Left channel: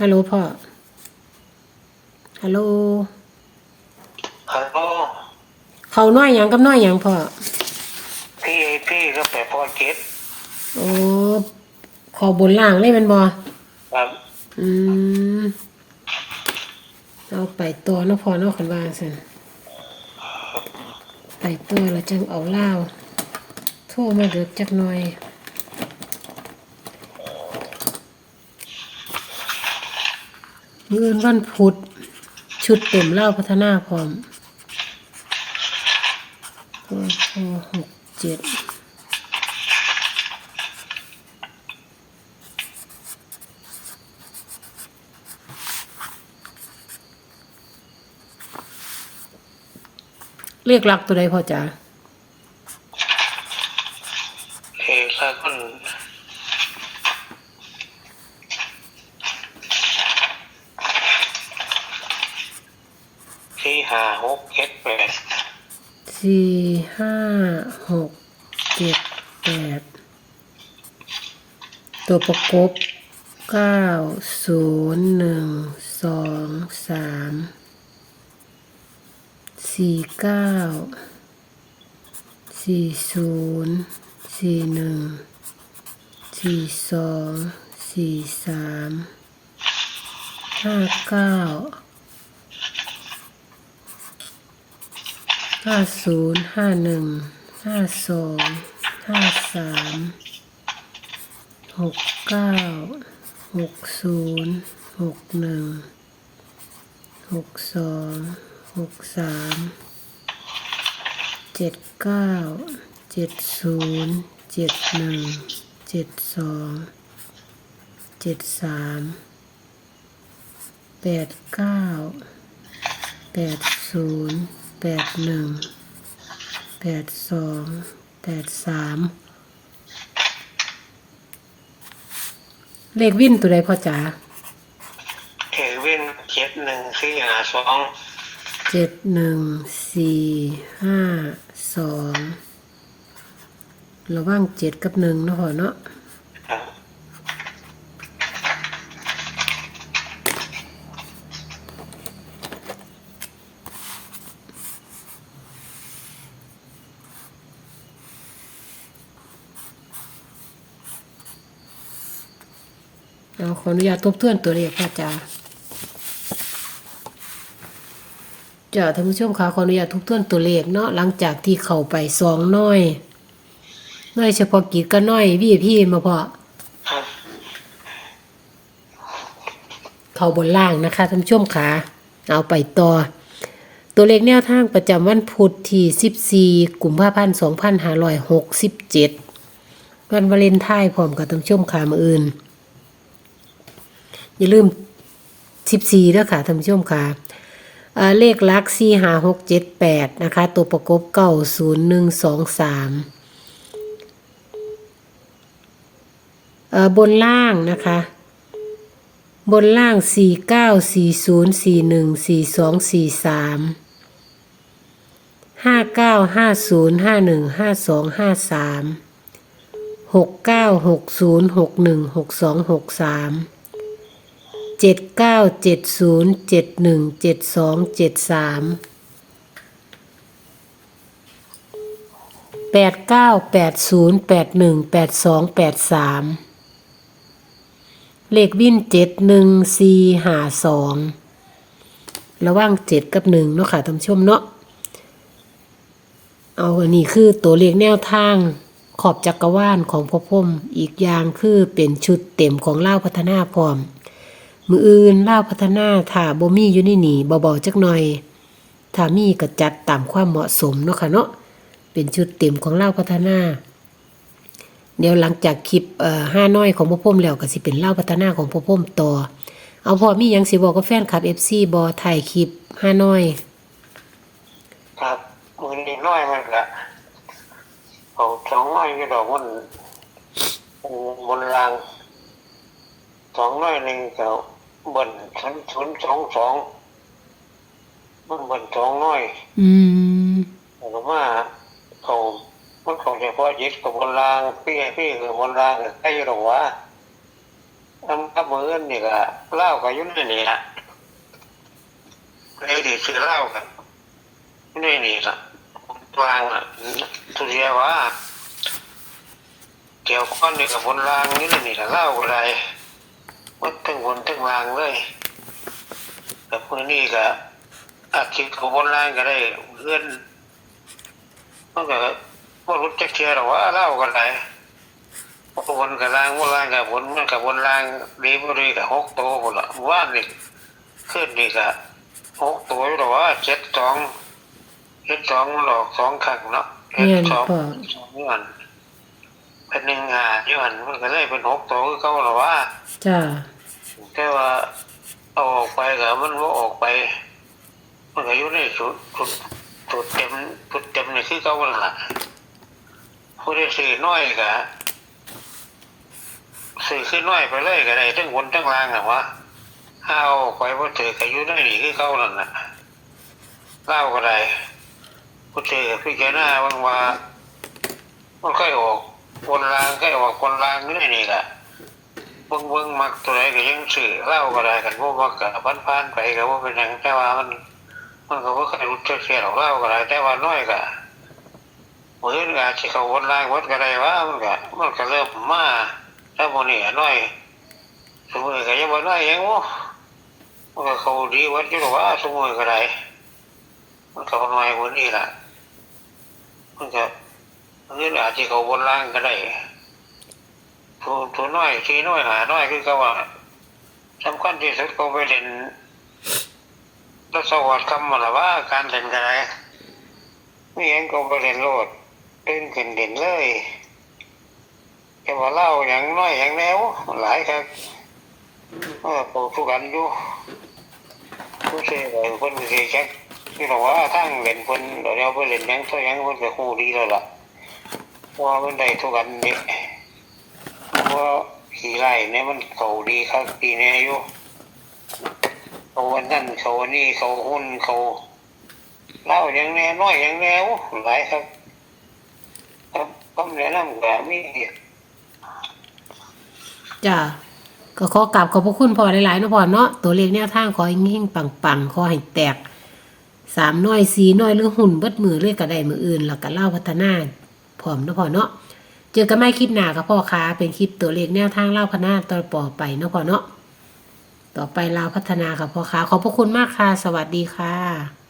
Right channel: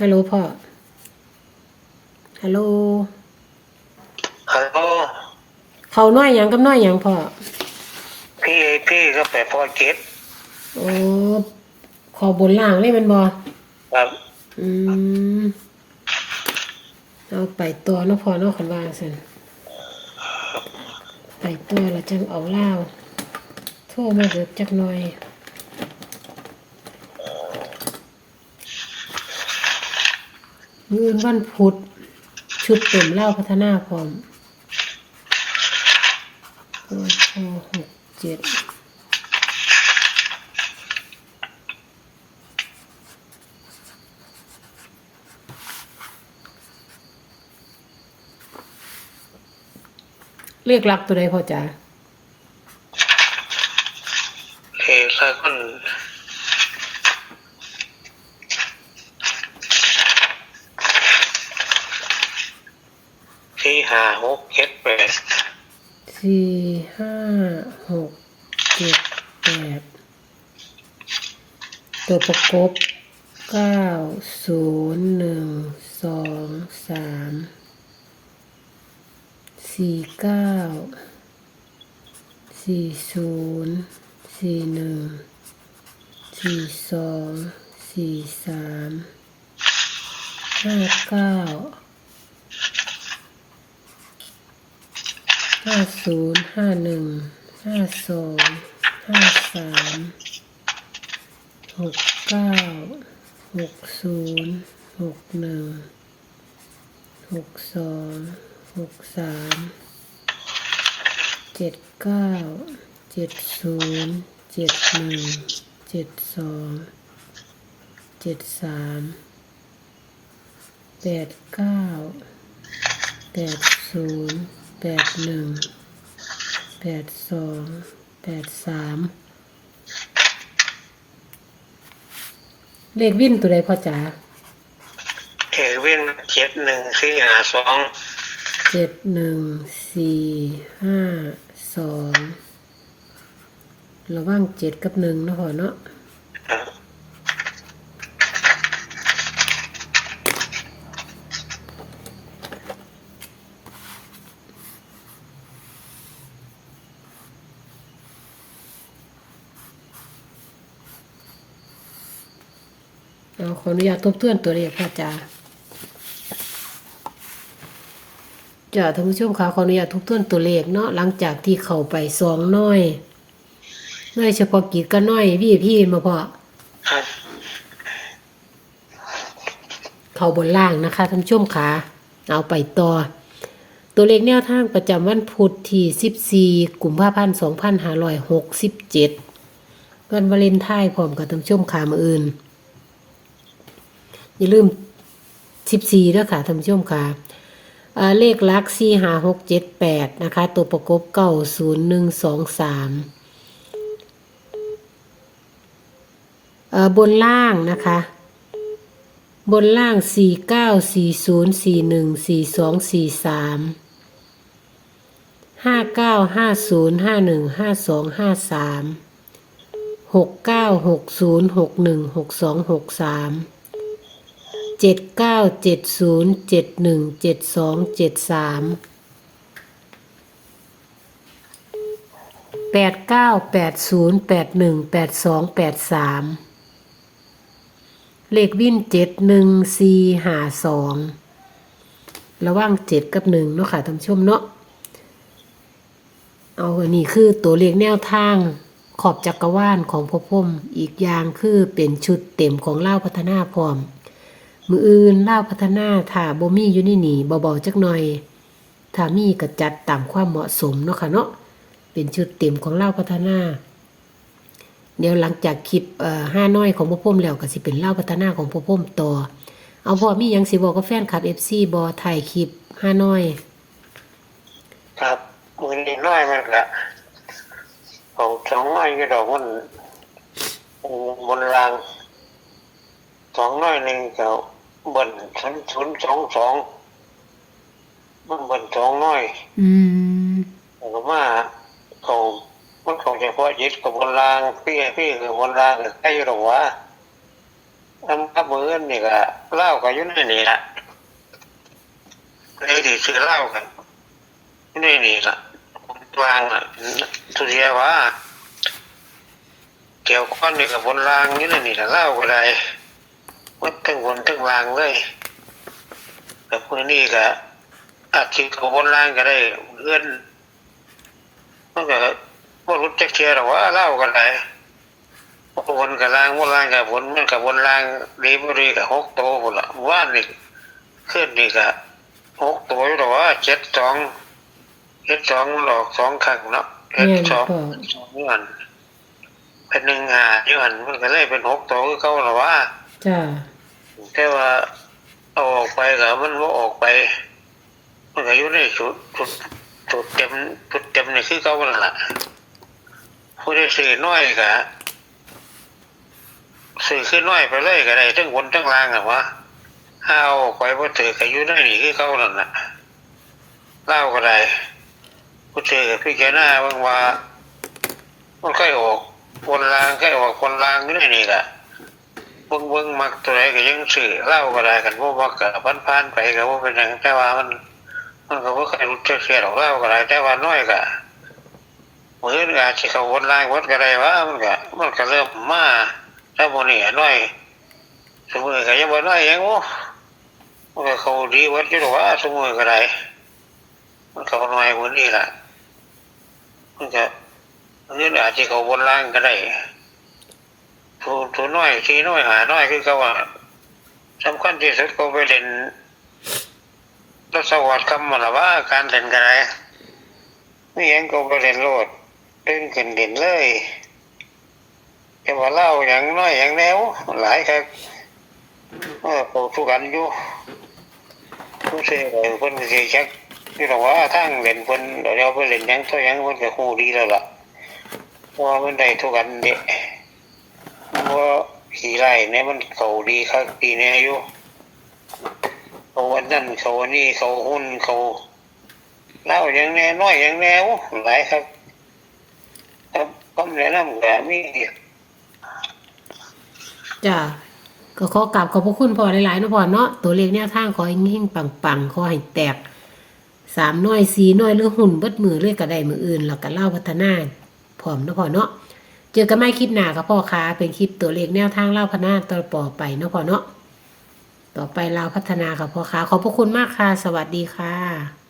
ฮัลโหลพ่อ ฮัลโหล ฮัลโหล เขาน้อยหยังกับน้อยหยังพ่อ พี่พี่ก็ไปพ่อเจ็ดโอ้ขอบนล่างเลยแมันบ่ครับ อืม เอาไปตัวเนาะพ่อเนาะคันว่าซั่นไปตัวแล้วจังเอาเหล้าโทรมาเดือจักหน่อย มื้ออื่นวันพุธชุดเต็มเหล้าพัฒนาพร้อมโอ้โหหกเจ็ดเรียกรักตัวใดพ่อจ๋าเฮ้ถ้าคนสี่ ห้าหกเจ็ดแปดสี่ห้าหกเจ็ดแปดตัวประกบเก้าศูนย์หนึ่งสองสามสี่เก้าสี่ศูนย์สี่หนึ่งสี่สองสี่สามห้าเก้า ห้าศูนย์ห้าหนึ่งห้าสองห้าสามหกเก้าหกศูนย์หกหนึ่งหกสองหกสามเจ็ดเก้าเจ็ดศูนย์เจ็ดหนึ่งเจ็ดสองเจ็ดสามแปดเก้าแปดศูนย์ แปดหนึ่งแปดสองแปดสามเลขวิ่นตัวใดพ่อจ๋าเอเว้นเจ็ดหนึ่งสี่ห้าสองเจ็ดหนึ่งสี่ห้าสองระว่างเจ็ดกับหนึ่งเนาะพ่อเนาะ ครับ เอาขออนุญาตทบทวนตัวเลขพ่อจ๋าจ้าท่านผู้ชมคะขออนุญาตทบทวนตัวเลขเนาะหลังจากที่เข้าไปสองน้อยน้อยเฉพาะกิจก็น้อยพี่พี่มาพอครับเข้าบนล่างนะคะท่านผู้ชมขาเอาไปต่อ ตัวเลขแนวทางประจำวันพุธที่ 14กุมภาพันธ์2567วันวาเลนไทน์พร้อมกับท่านผู้ชมขามาอื่น อย่าลืมสิบสี่ด้วยค่ะท่านผู้ชมค่ะเลขลักซี่หาหกเจ็ดแปดนะคะ ตัวประกบเก้าศูนย์หนึ่งสองสามบนล่างนะคะ บนล่างสี่เก้าสี่ศูนย์สี่หนึ่งสี่สองสี่สามห้าเก้าห้าศูนย์ห้าหนึ่งห้าสองห้าสามหกเก้าหกศูนย์หกหนึ่งหกสองหกสาม จ็ดเก้าเจ็ดศูนย์เจ็ดหนึ่งเจ็ดสองเจ็ดสามแปดเก้าแปดศูนย์แปดหนึ่งแปดสองแปดสามเลขวินเจ็ดหนึ่งสี่หาสองระว่างเจ็ดกับหนึ่งเนาะค่ะท่านผู้ชมเนาะเอาอันนี้คือตัวเลขแนวทางขอบจักรวาลของพ่อพ่มอีกอย่างคือเป็นชุดเต็มของเล่าพัฒนาพร้อม มืออื่นเล่าพัฒนาถ้าบ่มีอยู่ในนี่เบาๆจักหน่อยถ้ามีก็จัดตามความเหมาะสมเนาะค่ะเนาะเป็นชุดเต็มของเล่าพัฒนา เดี๋ยวหลังจากคลิปเอ่อห้าน้อยของพ่อพ่มแล้วก็สิเป็นเล่าพัฒนาของพ่อพ่มต่อ เอาพอมีหยังสิบอกกับแฟนคลับ FC บอถ่ายคลิปห้าน้อยครับมือนี้น้อยมันละเอาสองน้อยก็ดอกมันบนรางสองน้อยหนึ่งเจ้า บนชั้นศูนย์สองสองมันบนสองน้อยอืมผมว่าเขามันของเฉพาะยึดกับบนรางพี่ให้พี่คือบนรางใกล้อยู่หรอกวะน้ำกับมืออนนี่ก็เหล้าก็อยุ่ในนี่ละเลยดีซื้อเหล้ากันอยู่ในนี่ละวางอะทุเรียว่าเกี่ยวข้องนี่กับบนรางอยู่ในนี่ละเหล้าก็ได้ มันทั้งบนทั้งรางเลยแต่พวกนี้ก็อาชีพกับบนรางก็ได้เพื่อนมันก็บ่รู้จักเทียหรอกว่าเหล้าก็ได้วนกับล่างวนล่างกับวนมันกับวนล่างดีบุรีกับหกตัวหมดละว่านนี่ขึ้นนี่กับหกตัวอยู่หรอว่าเจ็ดสองเจ็ดสองหลอกสองขังเนาะเจ็ดแม่นสองพ่อสองเงิน เป็นหนึ่งหาที่มันมันก็เลยเป็นหกตัวคือเขาหรอว่าจ้าแต่ว่าเอาออกไปกับมันว่าออกไป มันก็อยู่ในจุดจุดจุดเต็มจุดเต็มนี่คือเขาแล้วล่ะผู้ได้ซื้อน้อยกะซื้อขึ้นน้อยไปเลยก็ได้ทั้งบนทั้งล่างอะวะห้าเอาออกไปพอถือก็อยู่ในนี่คือเขาแล้วน่ะเล่าก็ได้ผู้ถือพี่แกหน้าบางว่ามันค่อยออก คนลางค่อออกคนลางนี่นี่แหละเบิ่งเบิ่งมักตัวไหนก็ยังซื้อเล้าก็ได้กันบ่มักก็ผ่านๆไปก็บ่เป็นหยังแต่ว่ามัน มันก็บ่เคยรู้จักเสียหรอกเล้าก็ได้แต่ว่าน้อยก็มื้อนี้อาจสิเขาวนลายวัดก็ได้ว่ามันก็มันก็เริ่มมาถ้าบ่นี่น้อยสมมติก็ยังบ่น้อยยังโอ้มันก็เขาดีวัดอยู่ดอกว่าสมมติก็ได้มันก็บ่น้อยกว่านี้ละมันก็ มื้อนี้อาจสิเขาวนล่างก็ได้ถูถูน้อยทีน้อยหาน้อยคือเขาว่าสำคัญที่สุดก็ไปเล่นรถสวัสดิ์คำมาละว่าการเล่นกันไรไม่ยังก็ไปเล่นโลดเดินขึ้นเด่นเลยแต่ว่าเล่าอย่างน้อยอย่างแนวหลายครับเออปลูกทุกันอยู่ผู้เสียเลยเพิ่นสิจักที่เราว่าทางเล่นเพิ่นเดี๋ยวเราไปเล่นยังตัวยังเพิ่นก็ฮู้ดีแล้วล่ะ ว่ามันได้ทุกันนี่เพราะขี่ไล่เนี่ยมันเขาดีครับปีนี้อายุเขาวันนั้นเขาวันนี้เขาหุ้นเขาเล่าอย่างแน่น้อยอย่างแนวหลายครับครับก็แนะนำแบบนี้จ้าก็ขอกราบขอบพระคุณพ่อหลายๆนะพ่อเนาะตัวเลขแนวทางขอให้เฮงปังๆขอให้แตกสามน้อยสี่น้อยหรือหุ่นเบิดมือเลยก็ได้มืออื่นแล้วก็เล่าพัฒนา พร้อมเนาะพ่อเนาะเจอกันไม่คลิปหน้ากับพ่อค้าเป็นคลิปตัวเลขแนวทางเล่าพนาต่อปอไปเนาะพ่อเนาะต่อไปเลาพัฒนากับพ่อค้าขอบพระคุณมากค่ะ สวัสดีค่ะ